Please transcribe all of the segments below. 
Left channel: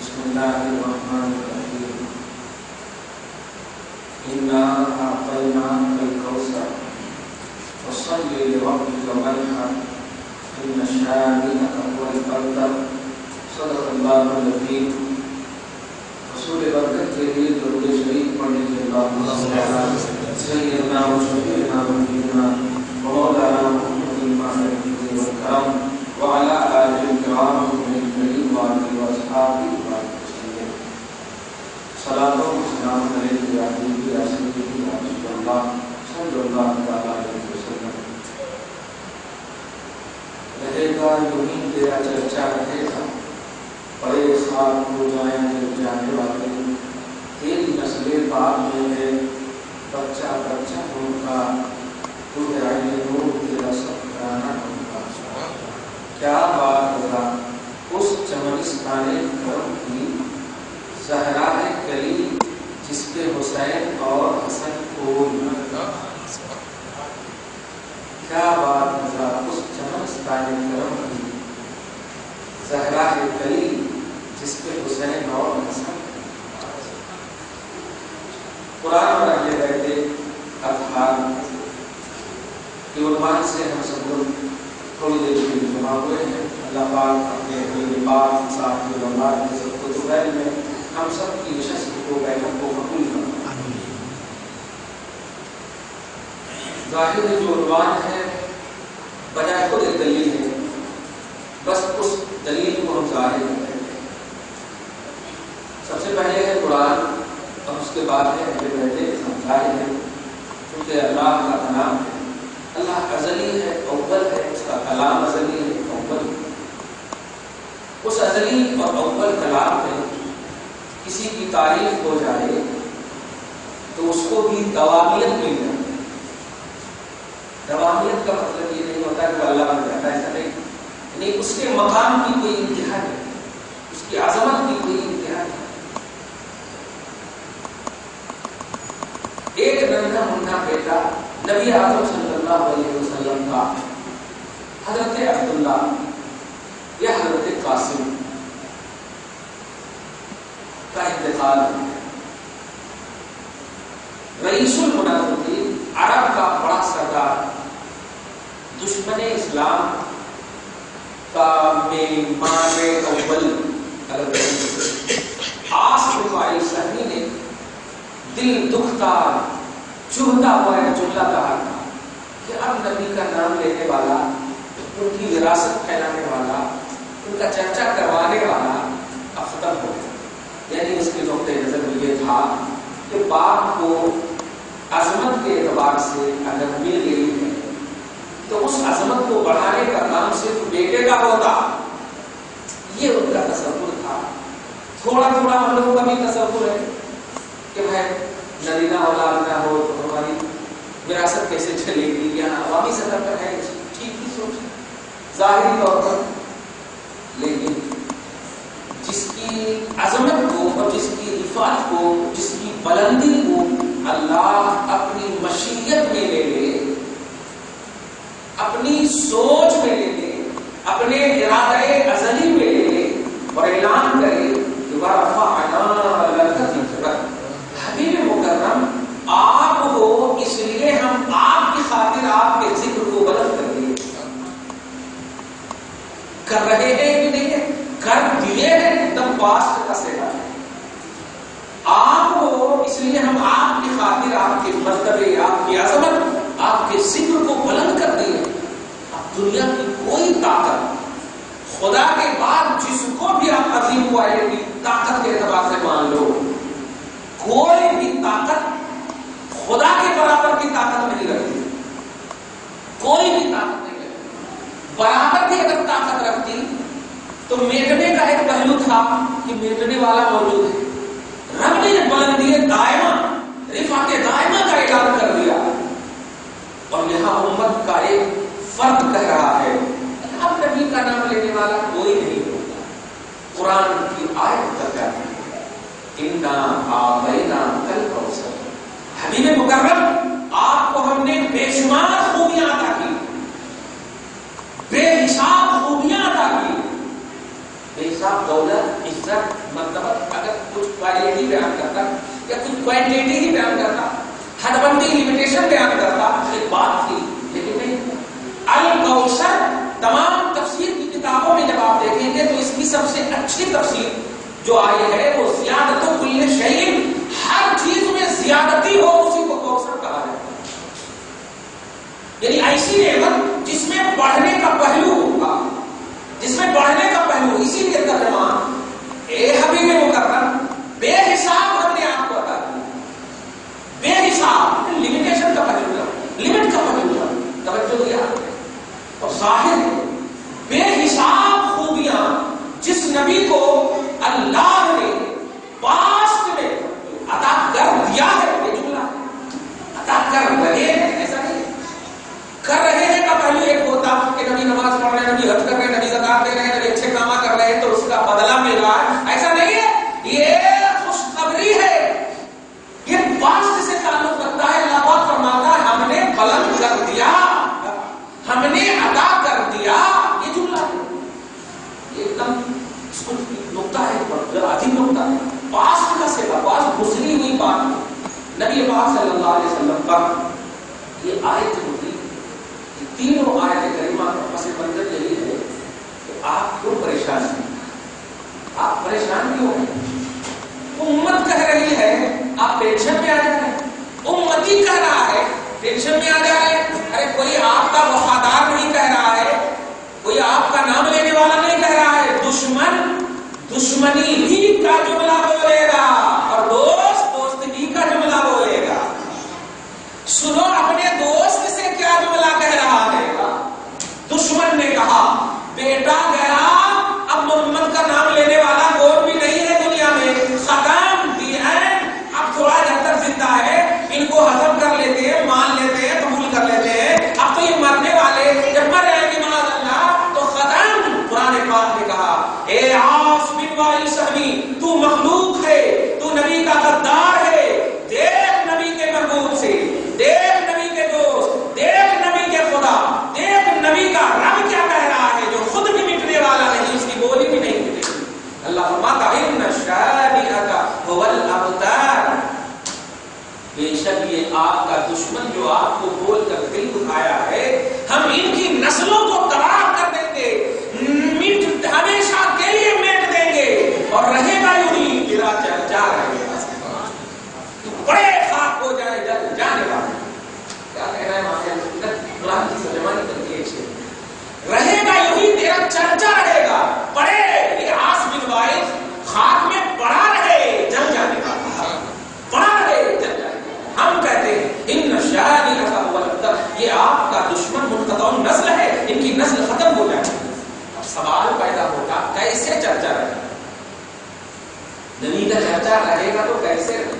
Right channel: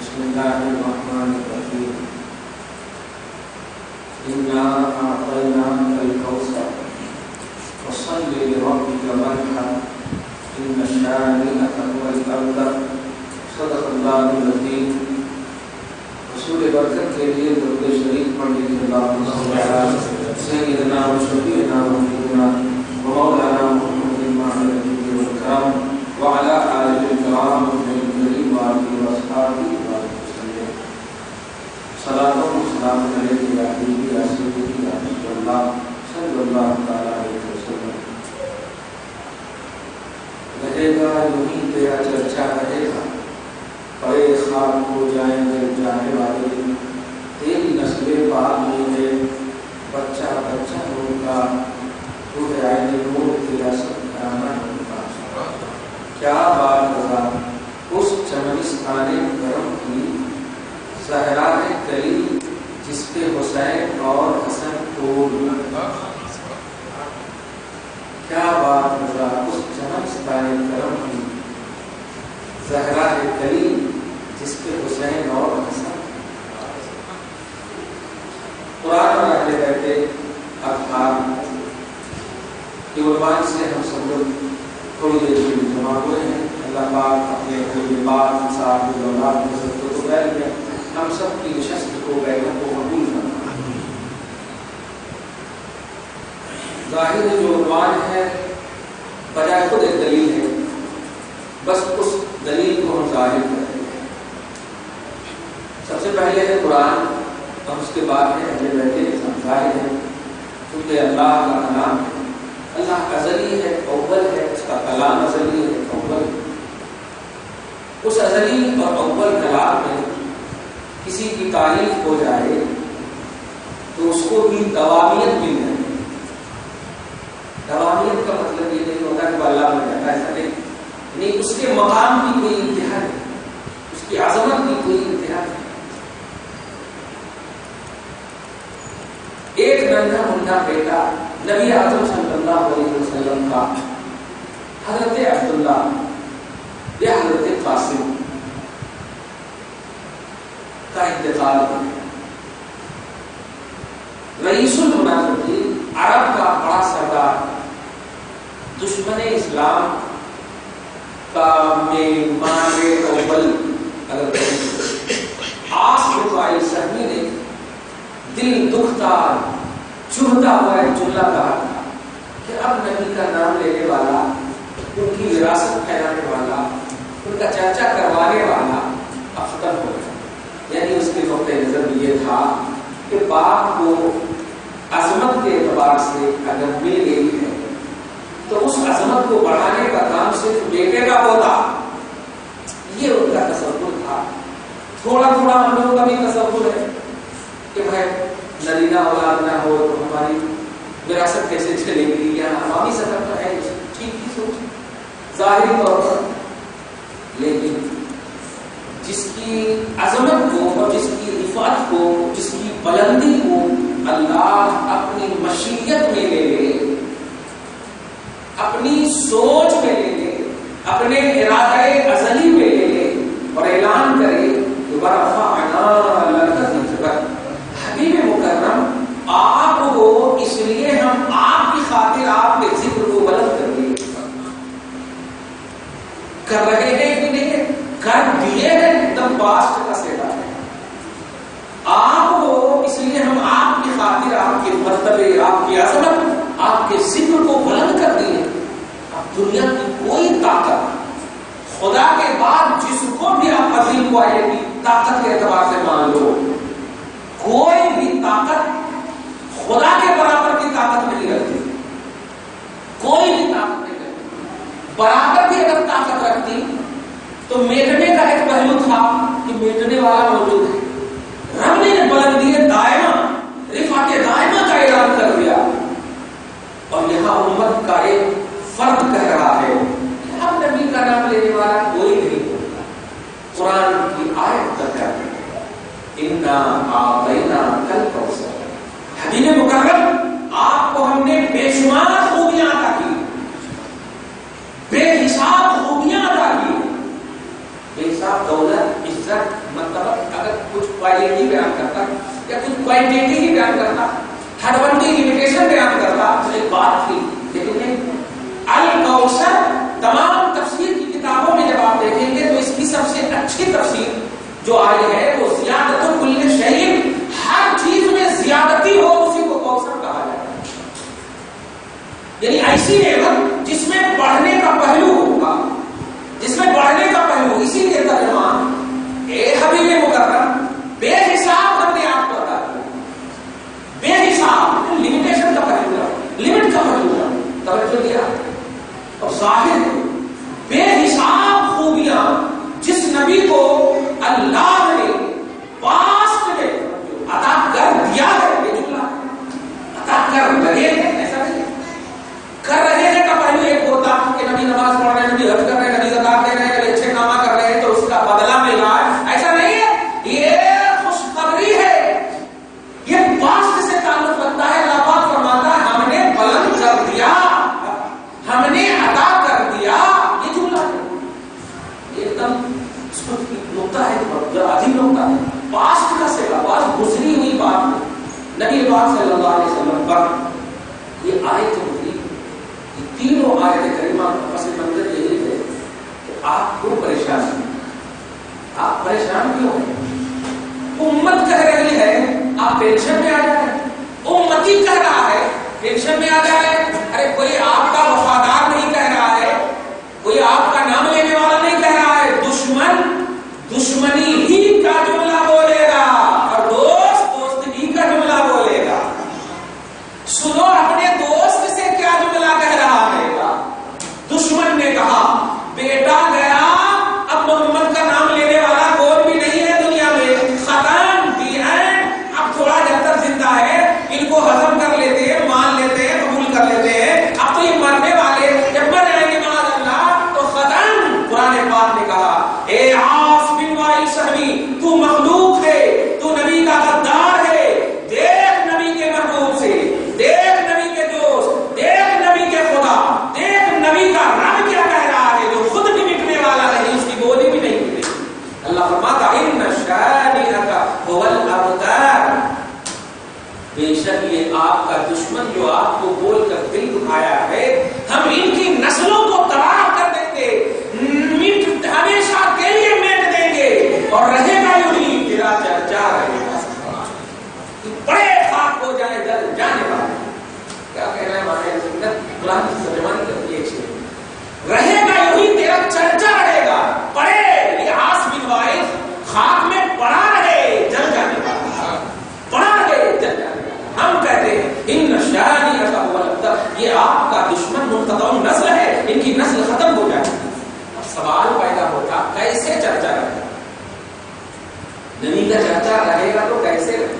بسم اللہ الرحمن الرحیم انا اعطیناک الکوثر فصل لربک وانحر ان شانئک هو الابتر صدق اللہ العظیم۔ رسول برکت کے لیے درود شریف پڑھنے کے بعد سیدنا و شفیعنا و حبیبنا و مولانا محمد المعصوم الکرم وعلى آله الكرام والمنزلين وآله وأصحابه وسلم صلاة وسلام عليك يا حبيبي يا سيدي يا رسول الله صلى الله تعالى عليه وسلم۔ رہے گا یوں ہی تیرا چرچا رہے گا، بڑے خواب ہو جائیں جل جانے والے، تیری نسل پاک میں ہے بچہ بچہ ہوگا، تو عین نور تیرا سب کرانا ہوگا۔ کیا بات رضا اس چمنستان کرم کی، زہرا ہے کلی جس پہ حسین اور حسن کو، کیا بات رضا اس چمنستان کرم کی، زہرا ہے کلی جس پہ حسین اور حسن۔ قرآن میں اہل بیت اطہار کے عنوان سے ہم سب لوگ تھوڑی دیر کے لیے جمع ہوئے ہیں۔ اللہ پاک اپنے حبیب پاک صاحب اولاد کی عزت و بیل میں ہم سب کی نشست کو بیعت کو قبول فرمائے۔ ظاہر جو عنوان ہے بجائے خود ایک دلیل ہے، بس اس دلیل کو ہم ظاہر کریں گے۔ سب سے پہلے ہے قرآن اور اس کے بعد ہے اہل بیت ظاہر ہے، کیونکہ اللہ کا کلام ہے، اللہ ازلی ہے، اول ہے، اس کا کلام ازلی ہے، اول ہے۔ اس ازلی اور اول کلام میں کسی کی تعریف ہو جائے تو اس کو بھی دوامیت مل جائے۔ دوامیت کا مطلب یہ نہیں ہوتا کہ وہ اللہ میں جاتا ہے، ایسا نہیں، یعنی اس کے مقام کی کوئی انتہا نہیں، اس کی عظمت کی کوئی انتہا نہیں۔ ایک ننھا منھا بیٹا نبی اعظم صلی اللہ علیہ وسلم کا، حضرت عبداللہ یا حضرت قاسم کا انتقال ہے۔ رئیس المنافقین، عرب کا بڑا سردار، دشمن اسلام کا مہمان اول اگر عاص بن وائل سہمی نے دل دکھتا چبھتا ہوا ایک جملہ کہا کہ اب نبی کا نام لینے والا، ان کی وراثت پھیلانے والا، ان کا چرچا کروانے والا اب ختم ہو گیا۔ یعنی اس کے نقطۂ نظر میں یہ تھا کہ باپ کو عظمت کے اعتبار سے اگر مل گئی ہے تو اس عظمت کو بڑھانے کا کام صرف بیٹے کا ہوتا، یہ ان کا تصور تھا۔ تھوڑا تھوڑا ہم لوگوں کا بھی تصور ہے کہ بھائی نرینہ اولاد نہ ہو تو ہماری وراثت کیسے چلے گی، یا عوامی سطح پر ہے ٹھیک ہی سوچ ظاہری طور پر، لیکن جس کی عظمت کو اور جس کی رفعت کو، جس کی بلندی کو اللہ اپنی مشیت میں لے لے، اپنی سوچ میں لے لے، اپنے ارادہ ازلی میں لے لے اور اعلان کرے کہ وَرَفَعْنَا لَكَ ذِكْرَكَ، حبیب مکرم آپ ہو اس لیے ہم آپ کی خاطر آپ کے ذکر کو بلند کر دیے، کر رہے ہیں کہ نہیں ہے، کر دیے ہیں، ایک دم پاسٹ کا سیڑا ہے۔ آپ ہو اس لیے ہم آپ کی خاطر آپ کے مرتبے، آپ کی عظمت، آپ کے ذکر کو بلند کر دیے۔ اب دنیا کی کوئی طاقت، خدا کے بعد جس کو بھی آپ عظیم کو آئے گی طاقت کے اعتبار سے مان لو، کوئی بھی طاقت خدا کے برابر کی طاقت نہیں رکھتی، کوئی بھی طاقت نہیں رکھتی۔ برابر بھی اگر طاقت رکھتی تو میٹنے کا ایک پہلو تھا کہ میٹنے والا موجود ہے۔ رب نے بلندی دائمہ، رفعت دائمہ کا اعلان کر دیا، اور یہاں امت کا ایک فرد کہہ رہا ہے کہ اب نبی کا نام لینے والا کوئی نہیں ہوتا۔ قرآن کی آیت کا کہنا ہے اِنَّا أَعْطَيْنَاكَ الْكَوْثَرَ، حبیب مکرم آپ کو ہم نے بے شمار خوبیاں عطا کی، بے حساب خوبیاں عطا کی، بے حساب دولت، عزت، عزت مرتبہ اگر کچھ کوالٹی بیان کرتا یا کچھ کوانٹیٹی ہی بیان کرتا, حد بندی لمیٹیشن بیان کرتا تو ایک بات تھی, لیکن نہیں. الکوثر تمام تفسیر کی کتابوں میں جب آپ دیکھیں گے تو اس کی سب سے اچھی تفسیر جو آئی ہے وہ زیادت کل شیء, ہر چیز میں زیادتی ہو اسی کو کوثر کہا جاتا ہے. یعنی ایسی نعمت جس میں بڑھنے کا پہلو ہوگا, جس میں بڑھنے کا پہلو. اسی لیے ترجمہ اے حبیب مکرم بے حساب ہم نے آپ کو عطا کیا, بے حساب. لمیٹیشن کا پہلو ہے, لمٹ کا پہلو ہے, توجہ دیا. اور ظاہر بے حساب خوبیاں جس نبی کو اللہ نے پاسٹ میں عطا کر دیا ہے, یہ جملہ عطا کر رہے ہیں ایسا نہیں, کر رہے ہیں کا پہلو ایک ہوتا کہ نبی نماز پڑھ رہے ہیں, نبی حج کر رہے ہیں, نبی زکات دے رہے ہیں, نبی اچھے کام کر رہے ہیں تو اس کا بدلہ مل رہا ہے, ایسا نہیں ہے. یہ خوشخبری ہے, یہ پاسٹ سے تعلق رکھتا ہے. اللہ پاک فرماتا ہے ہم نے بلند کر دیا, ہم نے عطا کر دیا. یہ جملہ ایک دم نقطہ ہے, عجیب نقطہ ہے. پاسٹ کا سے پاسٹ گزری ہوئی بات نبی پاک صلی اللہ علیہ وسلم پر یہ آیت ہوئی. یہ تینوں آیت کریمہ کا پس منظر یہی ہے کہ آپ کیوں پریشان ہیں, آپ پریشان کیوں ہیں؟ امت کہہ رہی ہے آپ ٹینشن میں آ جا رہے ہیں, امتی کہہ رہا ہے ٹینشن میں آ جا رہے ہیں. ارے کوئی آپ کا وفادار نہیں کہہ رہا ہے, کوئی آپ کا نام لینے والا نہیں کہہ رہا ہے. دشمن دشمنی ہی کا جملہ بولے گا اور دوست دوست ہی کا جملہ بولے گا. سنو اپنے دوست سے کیا جملہ کہہ رہا ہے. دشمن نے کہا بیٹا گیا, اب محمد کا نام لینے والا کوئی بھی نہیں ہے دنیا میں, ختم دی اینڈ. اب تھوڑا جب تک زندہ ہے ان کو ہضم کر لیتے ہیں, مان لیتے ہیں, قبول کر لیتے ہیں. اب تو یہ مرنے والے جب مر جائیں گے معاذ اللہ تو ختم. قرآن پاک نے کہا اے عاص بن وائل سہمی, تو مخلوق ہے, تو نبی کا غدار ہے. دیکھ نبی کے محبوب سے, دیکھ نبی کے دوست, دیکھ نبی کے خدا, دیکھ نبی کا رب کیا کہہ رہا ہے جو خود بھی مٹنے والا نہیں, اس کی بولی بھی نہیں مٹے. اللہ فرماتا ان شانئک هو الابتر, بے شک یہ آپ کا دشمن جو آپ کو بول کر دل دکھایا ہے, ہم ان کی نسلوں کو تباہ کر دیں گے, ہمیشہ کے لیے میٹ دیں گے, اور رہے گا یوں تیرا چرچا رہے گا. تو بڑے خاک ہو جائے جل جانے والے. کیا کہہ رہے ہیں ہمارے قرآن کی ترجمانی کرتی ہے, رہے گا یوں تیرا چرچا رہے گا. پڑے یہ عاص بن وائل خاک میں پڑا رہے, جل جانے والا پڑا رہے, جل جانے. ہم کہتے ہیں ان شانئک هو الابتر, یہ آپ کا دشمن منقطع نسل ہے, ان کی نسل ختم ہو جائے. سوال پیدا ہوتا کیسے چرچا رہے گا, نبی کا چرچا رہے گا تو کیسے رہے گا.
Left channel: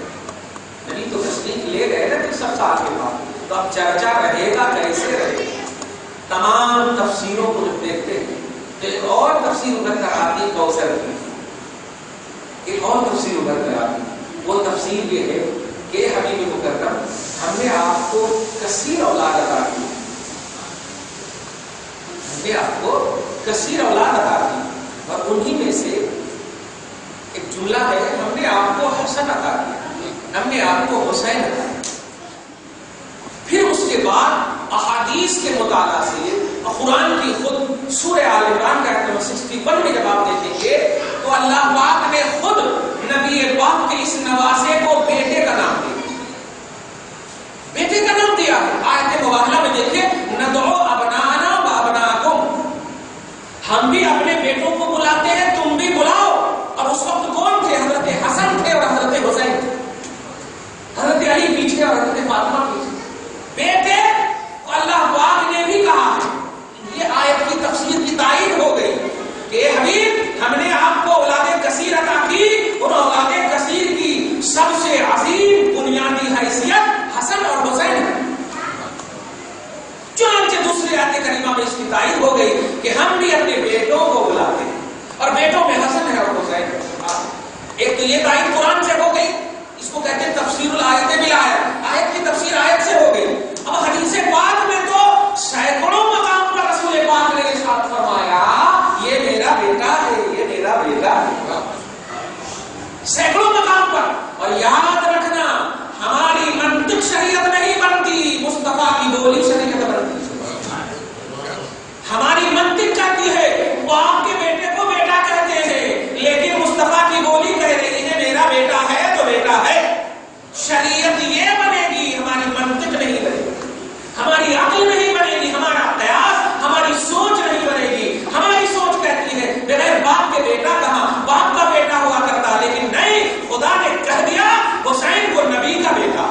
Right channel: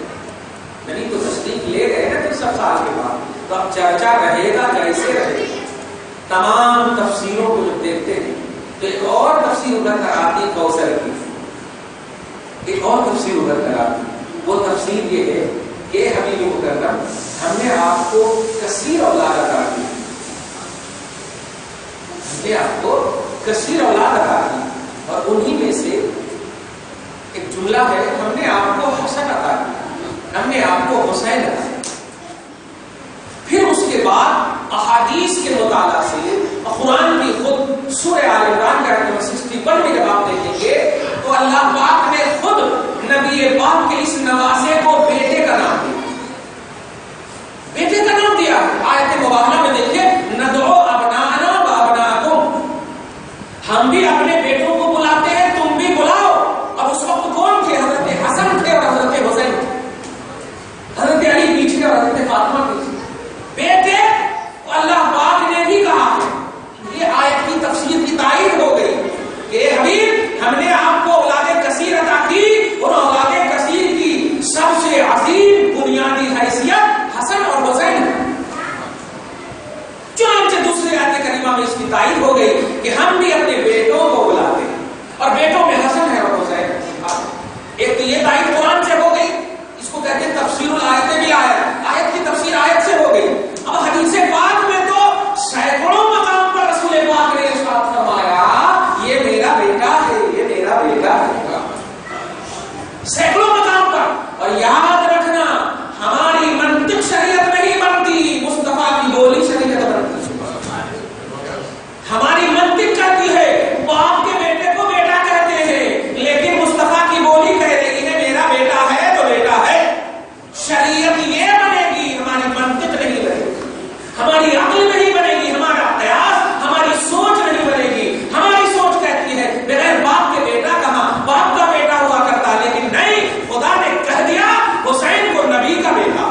نبی تو تشریف لے گئے نا 300 سال کے بعد, تو اب چرچا رہے گا کیسے رہے گا. تمام تفسیروں کو جب دیکھتے ہیں تو ایک اور تفسیر ابھر کر آتی ہے کوثر کی, ایک اور تفسیر ابھر کر آتی. وہ تفسیر یہ ہے کہ حبیب مکرم ہم نے آپ کو کثیر اولاد عطا کی, ہم نے آپ کو کثیر اولاد عطا کی, اور انہی میں سے ایک جملہ ہے ہم نے آپ کو حسن عطا کیا, ہم نے آپ کو حسین عطا کیا. پھر اس کے بعد احادیث کے مطالعہ سے قرآن کی خود سورہ آل عمران کا آیت 61 میں جب آپ دیکھیں گے تو اللہ پاک نے خود نبی پاک کے اس نواسے کو بیٹے کا نام دیا, بیٹے کا نام دیا. آیت مبارکہ میں دیکھیں ندعو ابناءنا و ابناءکم, ہم بھی اپنے بیٹوں کو بلاتے ہیں, تم بھی بلاؤ. اب اس وقت کون تھے؟ حضرت حسن تھے اور حضرت حسین تھے, حضرت علی پیچھے اور حضرت فاطمہ پیچھے. بیٹے اللہ پاک نے بھی کہا ہے, یہ آیت کی تفسیر کی تائید ہو گئی کہ حبیب ہم نے آپ کو اولاد کثیر عطا کی, اور اولاد کثیر کی سب سے عظیم بنیادی حیثیت حسن اور حسین. چنانچہ دوسری آیت کریمہ میں اس کی تائید ہو گئی کہ ہم بھی اپنے بیٹوں کو بلاتے ہیں, اور بیٹوں میں حسن ہے اور حسین. ایک تو یہ تائید قرآن سے ہو گئی, اس کو کہتے ہیں تفسیر الآیت بالآیت, آیت کی تفسیر آیت سے ہو گئی. اب حدیث پاک میں تو سینکڑوں مقام پر رسول پاک نے ارشاد فرمایا یہ میرا بیٹا ہے, یہ میرا بیٹا ہے. اور یاد رکھنا ہماری منطق شریعت نہیں بنتی، مصطفیٰ کی بولی شریعت بنتی۔ ہماری منطق کہتی ہے باپ کے بیٹے کو بیٹا کہتے ہیں، لیکن مصطفیٰ کی بولی کہہ رہی ہے میرا بیٹا ہے تو بیٹا ہے۔ شریعت یہ بنے گی، ہماری منطق نہیں بنے گی، ہماری عقل نہیں بنے گی، ہمارا قیاس، ہماری سوچ نہیں بنے گی۔ ہماری سوچ کہتی ہے بغیر باپ کے بیٹا کہاں، باپ کا بیٹا ہوا کرتا، لیکن نہیں، خدا نے کہہ دیا حسین کو نبی کا بیٹا،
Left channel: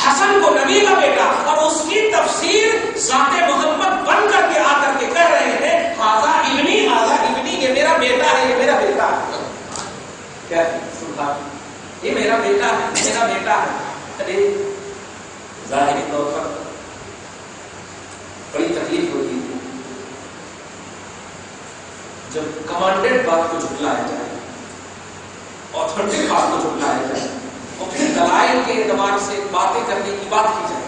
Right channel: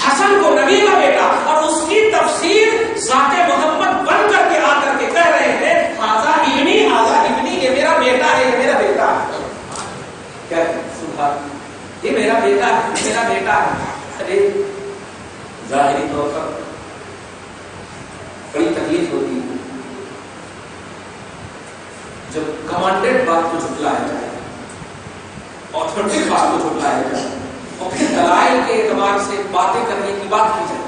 حسن کو نبی کا بیٹا، اور اس کی تفسیر ذات محمد بن کر کے آ کر کے کہہ رہے ہیں ہذا ابنی، یہ میرا بیٹا ہے، یہ میرا بیٹا ہے۔ کیا یہ میرا بیٹا ہے، میرا بیٹا ہے۔ ارے ظاہری طور پر بڑی تکلیف ہوتی ہے جب کمانڈڈ بات کو جھٹلایا جائے، آتھینٹک بات کو جھٹلایا جائے، اور پھر دلائل کے اعتبار سے باتیں کرنے کی بات کی جائے،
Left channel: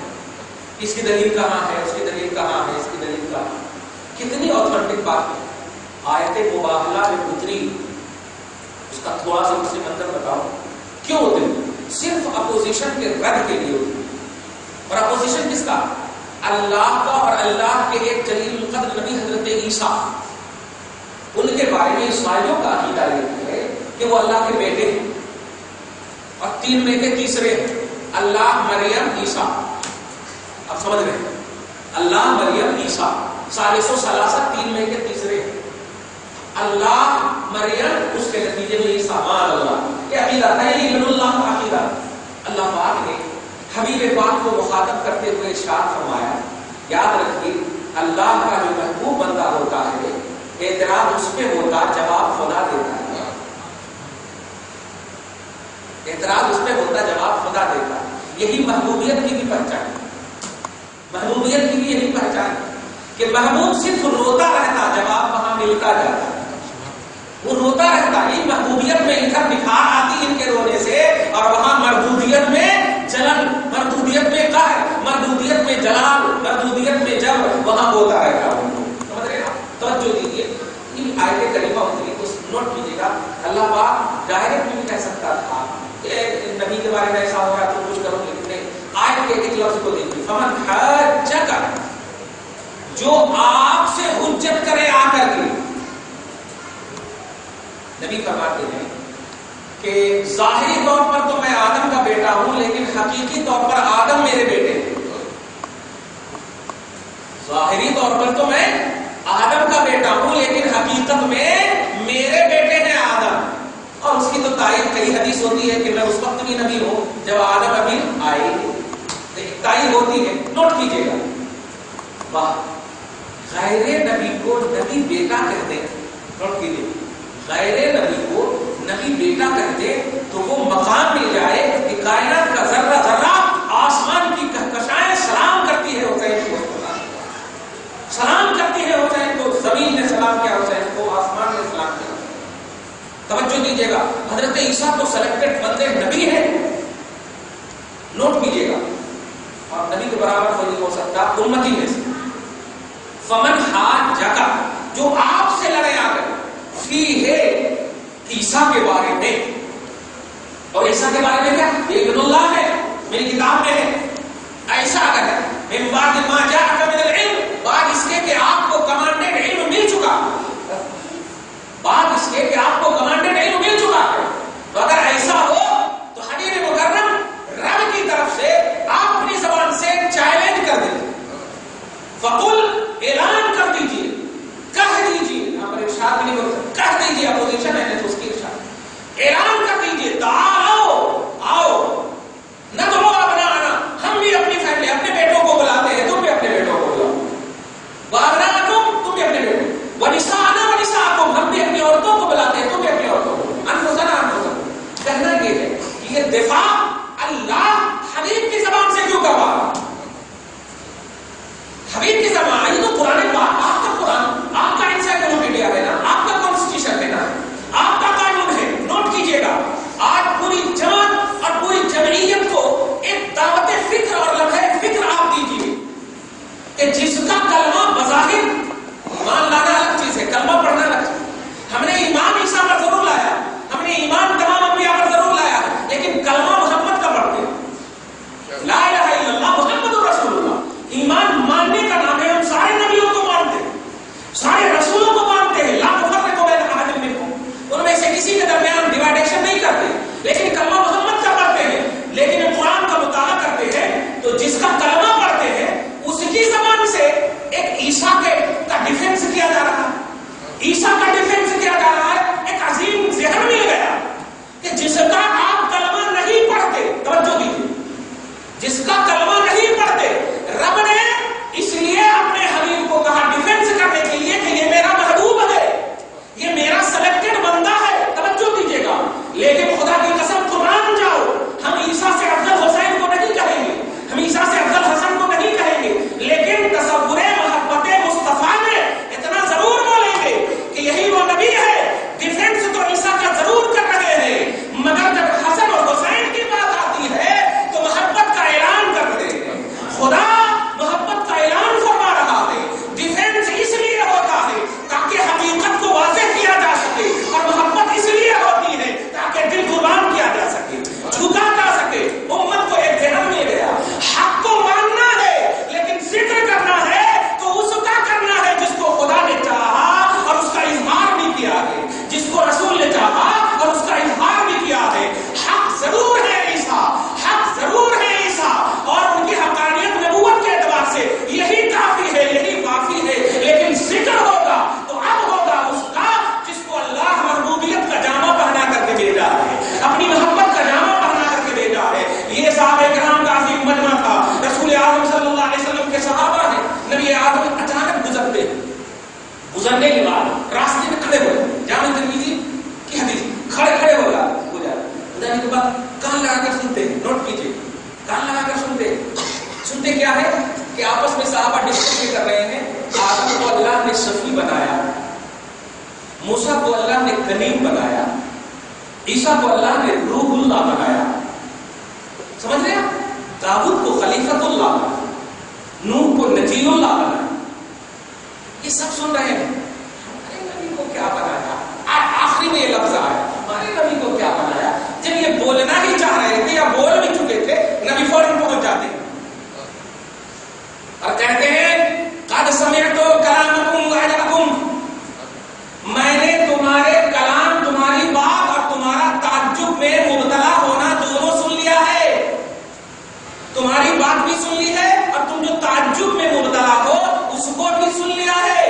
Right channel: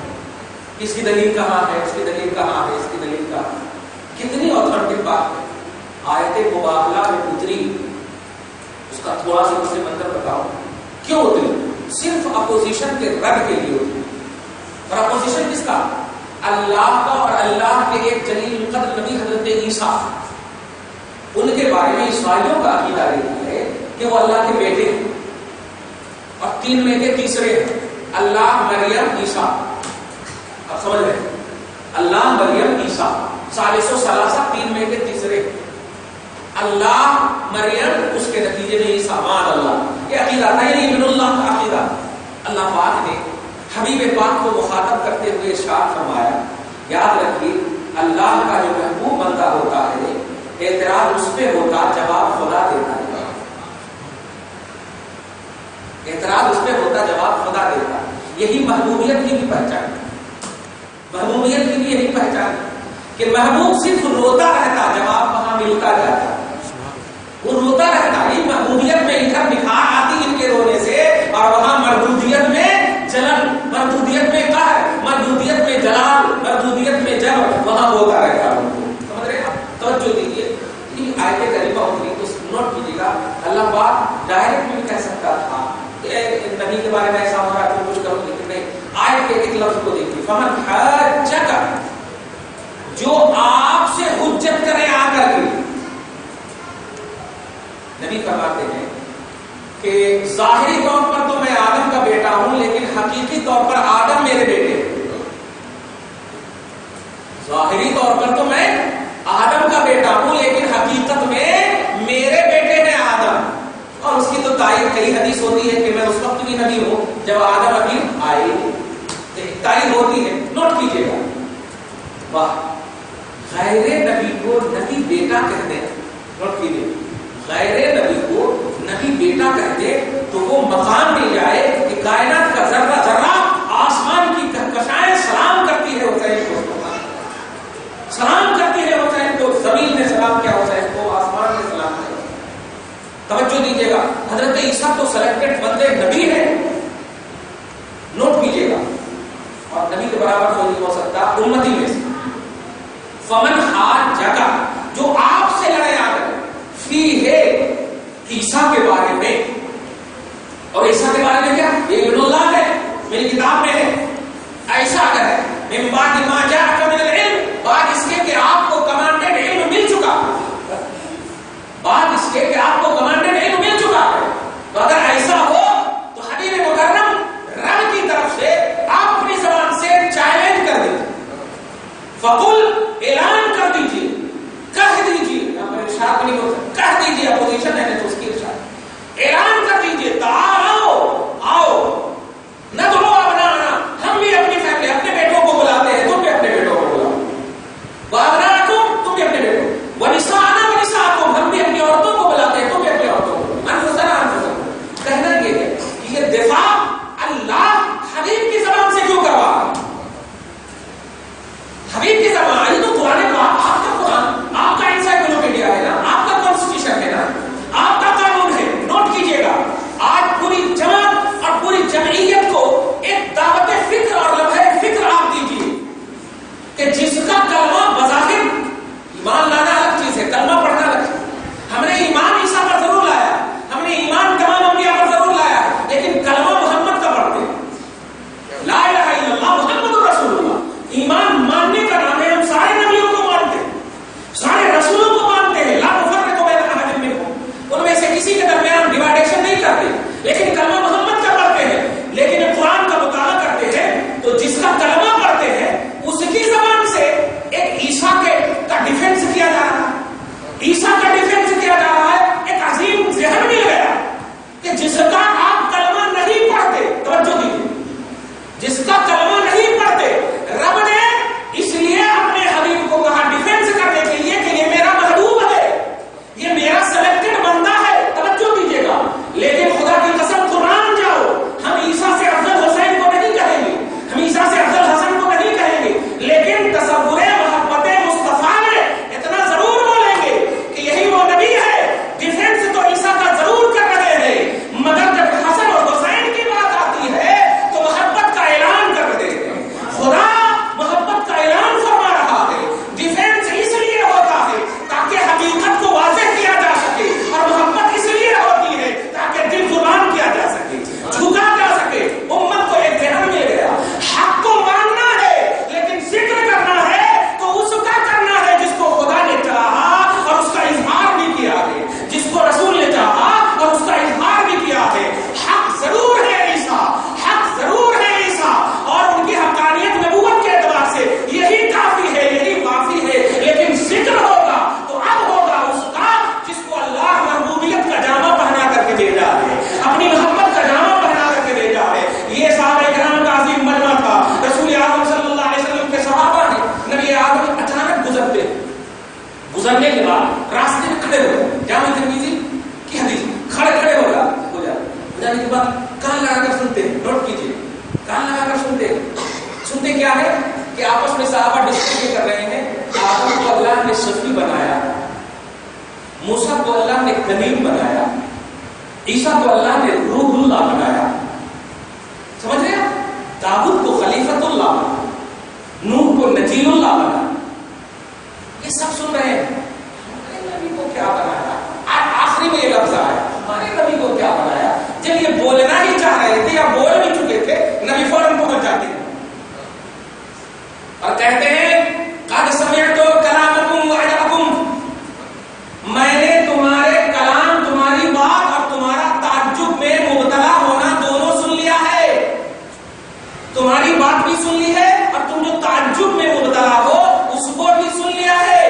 اس کی دلیل کہاں ہے، اس کی دلیل کہاں ہے، اس کی دلیل کہاں ہے۔ کتنی آتھینٹک بات ہے۔ آیت مباہلہ میں اتری، اس کا تھوڑا سا مجھے منظر بتاؤ کیوں اتری؟ صرف اپوزیشن کے رد کے لیے اتری۔ اور اپوزیشن کس کا؟ اللہ کا اور اللہ کے ایک جلیل القدر نبی حضرت عیسیٰ، ان کے بارے میں عیسائیوں کا عقیدہ یہ ہے کہ وہ اللہ کے بیٹے ہیں اور تین میں کے تیسرے ہیں، اللہ، مریم، عیسیٰ۔ آپ سمجھ رہے ہیں؟ اللہ، مریم، عیسیٰ، ثالث و ثلاثہ، تین میں کے تیسرے ہیں، اللہ، مریم، اس کے نتیجے میں عیسیٰ، معاذ اللہ۔ یہ عقیدہ تھا، یعنی ابن اللہ کا عقیدہ۔ اللہ پاک نے حبیب پاک کو مخاطب کرتے ہوئے ارشاد فرمایا، یاد رکھیے اللہ کا جو محبوب بندہ ہوتا ہے اعتراض اس پہ ہوتا، جواب خدا دیتا ہے۔ اعتراض اس پہ ہوتا، جواب خدا دیتا ہے۔ یہی محبوبیت کی بھی پہچان ہے، محبوبیت کی بھی یہی پہچان ہے کہ محبوب صرف روتا رہتا، جواب وہاں ملتا جاتا، وہ روتا رہتا۔ یہ محبوبیت میں ادھر نکھار آتی ان کے رونے سے، اور وہاں مردودیت میں جلن، مردودیت میں قہر، مردودیت میں جلال، مردودیت میں جبر، وہاں ہوتا رہتا۔ سمجھ رہے ہیں؟ توجہ دیجیے، آیت کریمہ اتری تو نوٹ کیجیے گا، اللہ پاک ڈائریکٹ بھی کہہ سکتا تھا نبی کے بارے میں ایسا ہو رہا ہے تو کچھ کرو، لیکن نہیں، آیت کے ایک لفظ کو دیکھیے، فمن حجک، جو آپ سے حجت کرے آ کر کے۔ نبی فرماتے ہیں کہ ظاہری طور پر تو میں آدم کا بیٹا ہوں، لیکن حقیقی طور پر آدم میرے بیٹے ہیں۔ ظاہری طور پر تو میں آدم کا بیٹا ہوں، لیکن حقیقت میں میرے بیٹے ہیں آدم۔ اور اس کی تو تائید کئی حدیث ہوتی ہے کہ میں اس وقت بھی نبی ہوں جب آدم ابھی آئے، تائید ہوتی ہے، نوٹ کیجیے گا۔ واہ، غیر نبی کو نبی بیٹا کہتے ہیں، نوٹ کیجیے، غیر نبی کو نبی بیٹا کہتے تو وہ مقام مل جائے کہ کائنات کا ذرہ ذرہ، آسمان کی کہکشائیں سلام کرتی ہے حسین کو، سلام کرتی ہے حسین کو، زمین نے سلام کیا حسین کو، آسمان نے سلام کیا۔ توجہ دیجیے گا، حضرت عیسیٰ تو سلیکٹڈ بندے نبی ہیں، نوٹ کیجیے گا، اور نبی کے برابر کوئی نہیں ہو سکتا امتی میں سے۔ فمن حاجک، جو آپ سے لڑے آ کر، فی ہے عیسیٰ کے بارے میں، اور عیسیٰ کے بارے میں کیا؟ یہ ابن اللہ ہے، میری کتاب میں ہے، ایسا اگر ہے من بعد ما جاءک من العلم، بعد اس کے کہ آپ کو کمانڈڈ علم مل چکا، بعد اس کے کہ آپ کو کمانڈڈ علم مل چکا ہے، تو اگر ایسا ہو تو حبیب مکرم رب کی طرف سے آپ اپنی زبان سے چیلنج کر دیجیے، فقل، اعلان کر دیجیے، کہہ دیجیے، یہاں پر ارشاد نہیں بول سکتا، کہہ دیجیے، اپوزیشن ہے تو اس کی ارشاد، اعلان کر دیجیے، تعالو، آؤ، ندعو ابناءنا، ہم بھی اپنی فیملی، اپنے بیٹوں کو بلاتے ہیں، تم بھی اپنے بیٹوں کو بلاؤ، وابناء کسی کے درمیان ڈیوائڈیشن نہیں کرتے، لیکن کلمہ محمد کا پڑھتے ہیں، لیکن قرآن کا مطالعہ کرتے ہیں تو جس کا کلمہ پڑھتے ہیں اس کی زبان سے ایک عیسیٰ کا ڈیفینس کیا جا رہا ہے، عیسیٰ کا ڈیفینس کیا جا رہا ہے۔ ایک عظیم ذہن مل گیا کہ جس کا آپ کلمہ نہیں پڑھتے، توجہ دیجیے، جس کا کلمہ نہیں پڑھتے، رب نے اس لیے اپنے حبیب کو کہا ڈیفینس کرنے کے لیے کہ یہ میرا محبوب ہے، یہ میرا سلیکٹڈ بندہ ہے، توجہ دیجیے گا۔ لیکن خدا کی قسم قربان جاؤ، ہم عیسیٰ سے افضل حسین کو نہیں کہیں گے، ہم عیسیٰ سے افضل حسن کو نہیں کہیں گے، لیکن تصور محبت مصطفیٰ میں اتنا ضرور بولیں گے کہ یہی وہ نبی ہے۔ ڈیفینس تو عیسیٰ کا ضرور کر رہے ہیں، مگر جب حسن اور حسین کی بات آتی ہے تو محبت کا اعلان کر رہے ہیں۔ خدا محبت کا اعلان فرما رہا ہے۔ ڈیفینس اس لیے ہوتا ہے تاکہ حقیقت کو واضح کیا جا سکے، اور محبت اس لیے ہوتی ہے تاکہ دل قربان کیا جا سکے، جھکا جا سکے۔ امت کو ایک ذہن مل گیا، حق کو ماننا ہے لیکن ذکر کرنا ہے تو اس کا کرنا ہے جس کو خدا نے چاہا اور اس کا اظہار بھی کیا ہے، جس کو رسول نے چاہا اور اس کا اظہار بھی کیا ہے۔ حق ضرور ہے عیسیٰ، حق ضرور ہے عیسیٰ، اور ان کی حقانیت نبوت کے اعتبار سے یہی کافی ہے، یہی کافی ہے، لیکن ذکر ہوگا تو اب ہوگا اس کا جس کو اللہ محبوبیت کا جامع پہنا کر کے بھیجا ہے، اپنی محبت کا جامع پہنا کر کے بھیجا ہے۔ یہ صحابہ کرام کا عظیم مجمع تھا، رسول اعظم صلی اللہ علیہ وسلم کے صحابہ ہیں، نبی اعظم اچانک گزرتے ہیں، گزرنے کے بعد راستے میں کھڑے ہو گئے، جامع ترمذی کی حدیث، کھڑے ہو جانے کے بعد کان لگا کر سنتے ہیں، نوٹ کیجیے، کان لگا کر سنتے کیا ہے کہ آپس میں صحابہ ڈسکس کر رہے ہیں۔ آدم کو اللہ نے شفیع بنایا، موسیٰ کو اللہ نے کلیم بنایا، عیسیٰ کو اللہ نے روح اللہ بنایا، سمجھ رہے ہیں؟ داؤد کو خلیفۃ اللہ بنایا، نوح کو نجیل اللہ بنایا۔ یہ سب سن رہے ہیں، ہمارے نبی کو کیا بنایا؟ آخری میں یہ لفظ آیا، ہمارے نبی کو کیا بنایا؟ جب یہ بولنا ہی چاہ رہے تھے یا بول بھی چکے تھے، نبی فوراً پہنچ جاتے ہیں اور کہتے ہیں قد سمعت کلامکم وعجبکم، میں نے تمہارے کلام، تمہاری بات اور تمہارا تعجب میں مبتلا ہونا دونوں سن لیا ہے، تمہاری بات بھی سن لی ہے اور تم جو تعجب میں مبتلا ہو اس کو بھی سن لیا ہے۔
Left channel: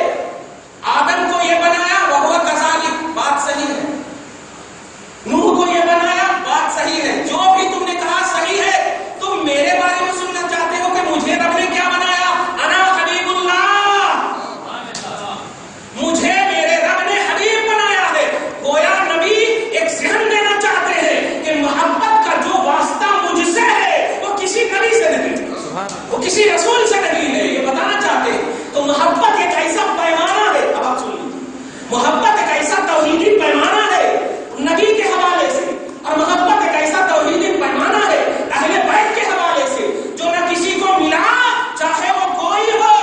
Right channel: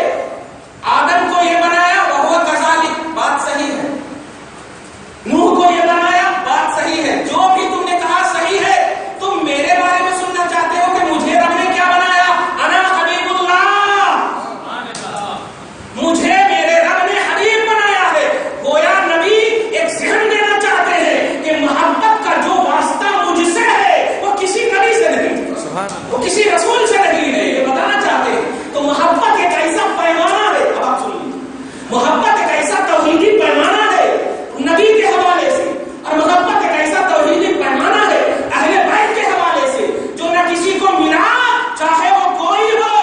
آدم کو یہ بنایا وہو کذالک، بات صحیح ہے، نوح کو یہ بنایا، بات صحیح ہے، جو بھی تم نے کہا صحیح ہے۔ تم میرے بارے میں سننا چاہتے ہو کہ مجھے رب نے کیا بنایا؟ انا حبیب اللہ، مجھے میرے رب نے حبیب بنایا ہے۔ گویا نبی ایک ذہن دینا چاہتے ہیں کہ محبت کا جو واسطہ مجھ سے ہے وہ کسی نبی سے نہیں، وہ کسی رسول سے نہیں ہے، یہ بتانا چاہتے ہیں۔ تو محبت ایک ایسا پیمانہ ہے، اب آپ سن لیجیے، محبت ایک ایسا توحیدی پیمانہ ہے نبی کے حوالے سے، اور محبت ایک ایسا توحیدی پیمانہ ہے اہل بیت کے حوالے سے جو نہ کسی کو ملا، چاہے وہ کوئی ہو،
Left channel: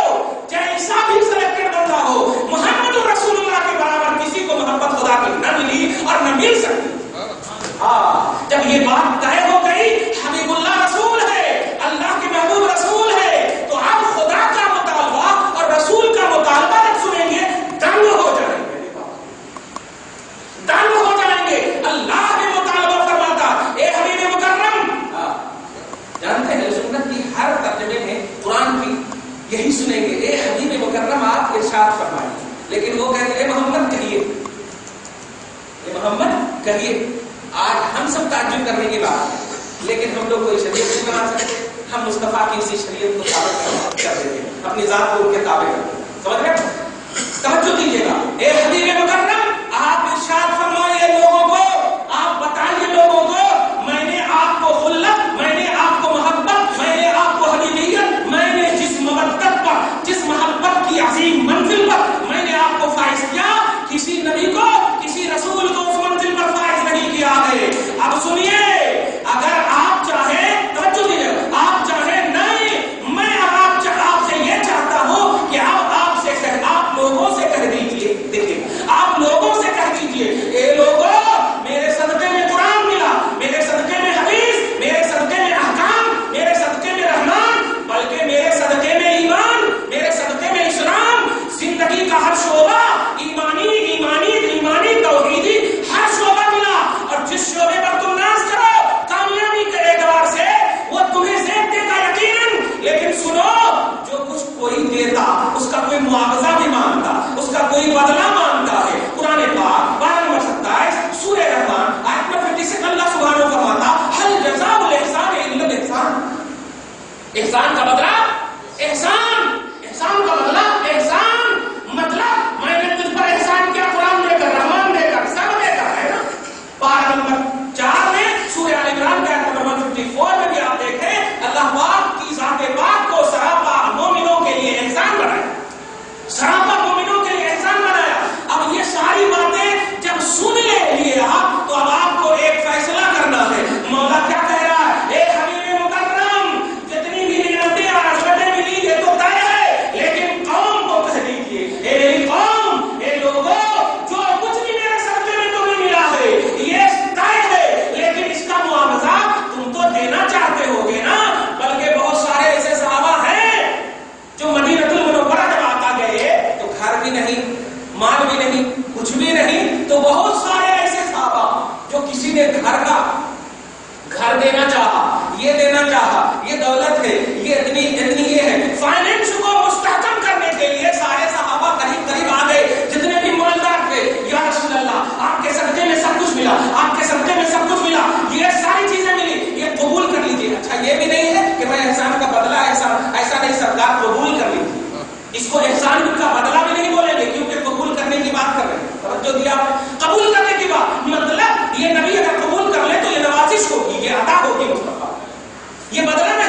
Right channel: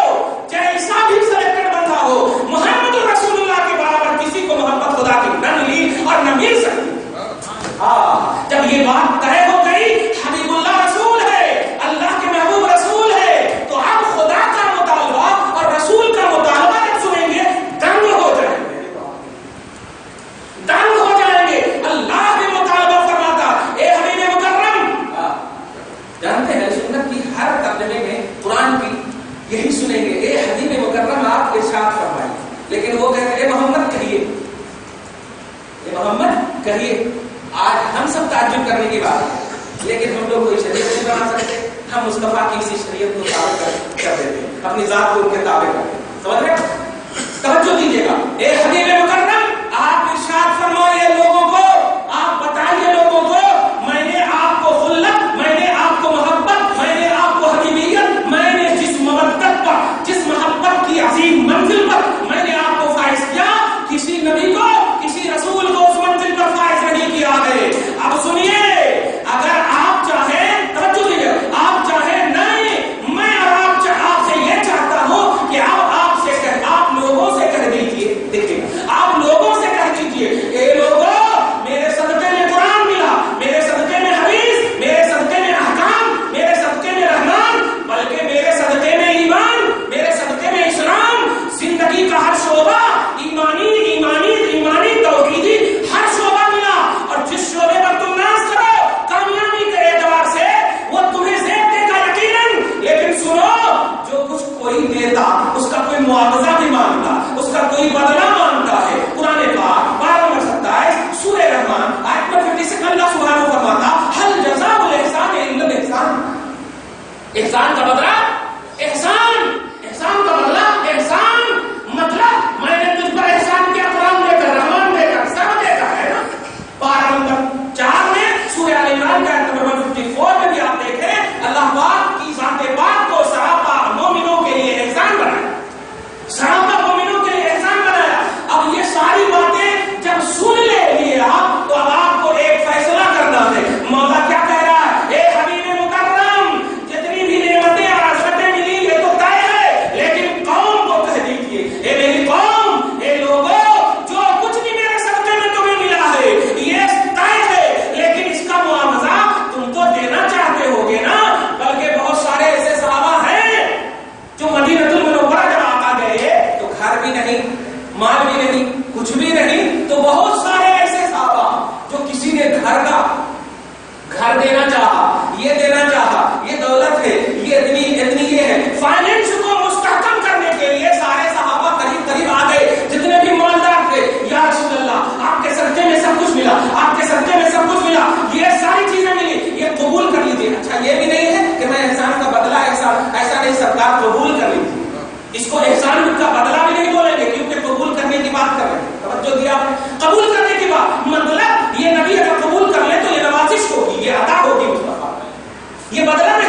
جیسا بھی سلیکٹڈ بندہ ہو، محمد رسول اللہ کے برابر کسی کو محبت خدا کی نہ ملی اور نہ مل سکتی۔ جب یہ بات طے ہو گئی حبیب اللہ رسول ہے، اللہ کے محبوب رسول ہے، تو اب خدا کا مطالبہ اور رسول کا مطالبہ جب سنیں گے دنگ ہو جائیں گے، دنگ ہو جائیں گے۔ اللہ بھی مطالبہ فرماتا، اے حبیب مکرم، جانتے ہیں سنت کی ہر ترجمے میں قرآن کی یہی سنیں گے، اے حبیب مکرم آپ ارشاد فرمائیے، لیکن وہ کہتے ہیں اے محمد کہیے، اے محمد کہیے۔ آج ہم سب تعجب کرنے کی بات ہے، لیکن ہم لوگ کوئی شریعت نہیں بنا سکتے، ہم مصطفیٰ کی اسی شریعت کو تابع کر دیتے ہیں، اپنی ذات کو ان کے تابع کرتے ہیں، سمجھ رہے؟ توجہ دیجیے گا، اے حبیب مکرم آپ ارشاد فرمائیے لوگوں کو، آپ بتائیے لوگوں کو، میں نے آپ کو خلت، میں نے آپ کو محبت، میں نے آپ کو حبیبیت، میں نے جس مودت پر، جس محبت کی عظیم منزل پر میں نے آپ کو فائز کیا، کسی نبی کو، کسی رسول کو اس منزل پر فائز نہیں کیا ہے۔ اب سنیے، اگر آپ چاہیں، توجہ دیجیے، آپ چاہیں نہیں، میں آپ سے یہ چاہتا ہوں کہ اب آپ لوگوں سے کہہ دیجیے، دیکھیں آپ لوگ احسان کا بدلہ احسان، احسان کا بدلہ احسان، مطلب میں نے تجھ پر احسان کیا قرآن دے کر، رحمان دے کر، سب دے کر، ہے نا؟ پارہ نمبر 4 میں سورہ آل عمران کے آیت نمبر 154 میں بھی آپ دیکھیں اللہ پاک کی ذات پاک کو سراپا مومنوں کے لیے احسان بنایا، سراپا مومنوں کے لیے احسان بنایا۔ اب یہ ساری باتیں جب سن لیے آپ تو اب آپ کو ایک فیصلہ کرنا ہے۔ مولا کیا کہہ رہا ہے؟ اے حبیب مکرم، جتنی بھی نعمتیں اور عصمتیں ملی یہ تو طے ہے، لیکن قوم کو کہہ دیجیے، اے میری قوم، اے لوگوں، جو کچھ بھی میرے صدقے میں تمہیں ملا ہے یہ طے ہے، لیکن اس کا معاوضہ تم تو دینا چاہتے ہوگے نا۔ بلکہ بہت سارے ایسے صحابہ ہیں جو مدینہ المنورہ جب آقا گئے تو گھر بھی نہیں، مال بھی نہیں، کچھ بھی نہیں، تو بہت سارے ایسے صحابہ جو کسی نے گھر دینا چاہا، یہ دینا چاہا، یہ دولت ہے، یہ اتنی یہ ہے، فائنینس کو مستحکم کرنے کے لیے سارے صحابہ قریب قریب آ گئے، جتنے بھی مالدار تھے، یا رسول اللہ آپ کے صدقے میں سب کچھ ملا، آپ کے صدقے میں سب کچھ ملا، یہ ساری چیزیں ملی، یہ قبول کر لیجیے۔ اچھا یہ بھی نہیں ہے کہ میں احسان کا بدلہ احسان، ایسا نہیں، سرکار قبول کر لیجیے، اس کو احسان کا بدلہ بھی نہیں بولیں گے کیونکہ قبول کرنے کی بات کر رہے ہیں۔ توجہ دیا، قبول کرنے کی بات، مطلب یہ نبی اگر قبول کر لے تو یہ نوازش ہوگی، یہ عطا ہوگی مصطفیٰ، یہ بدلہ نہیں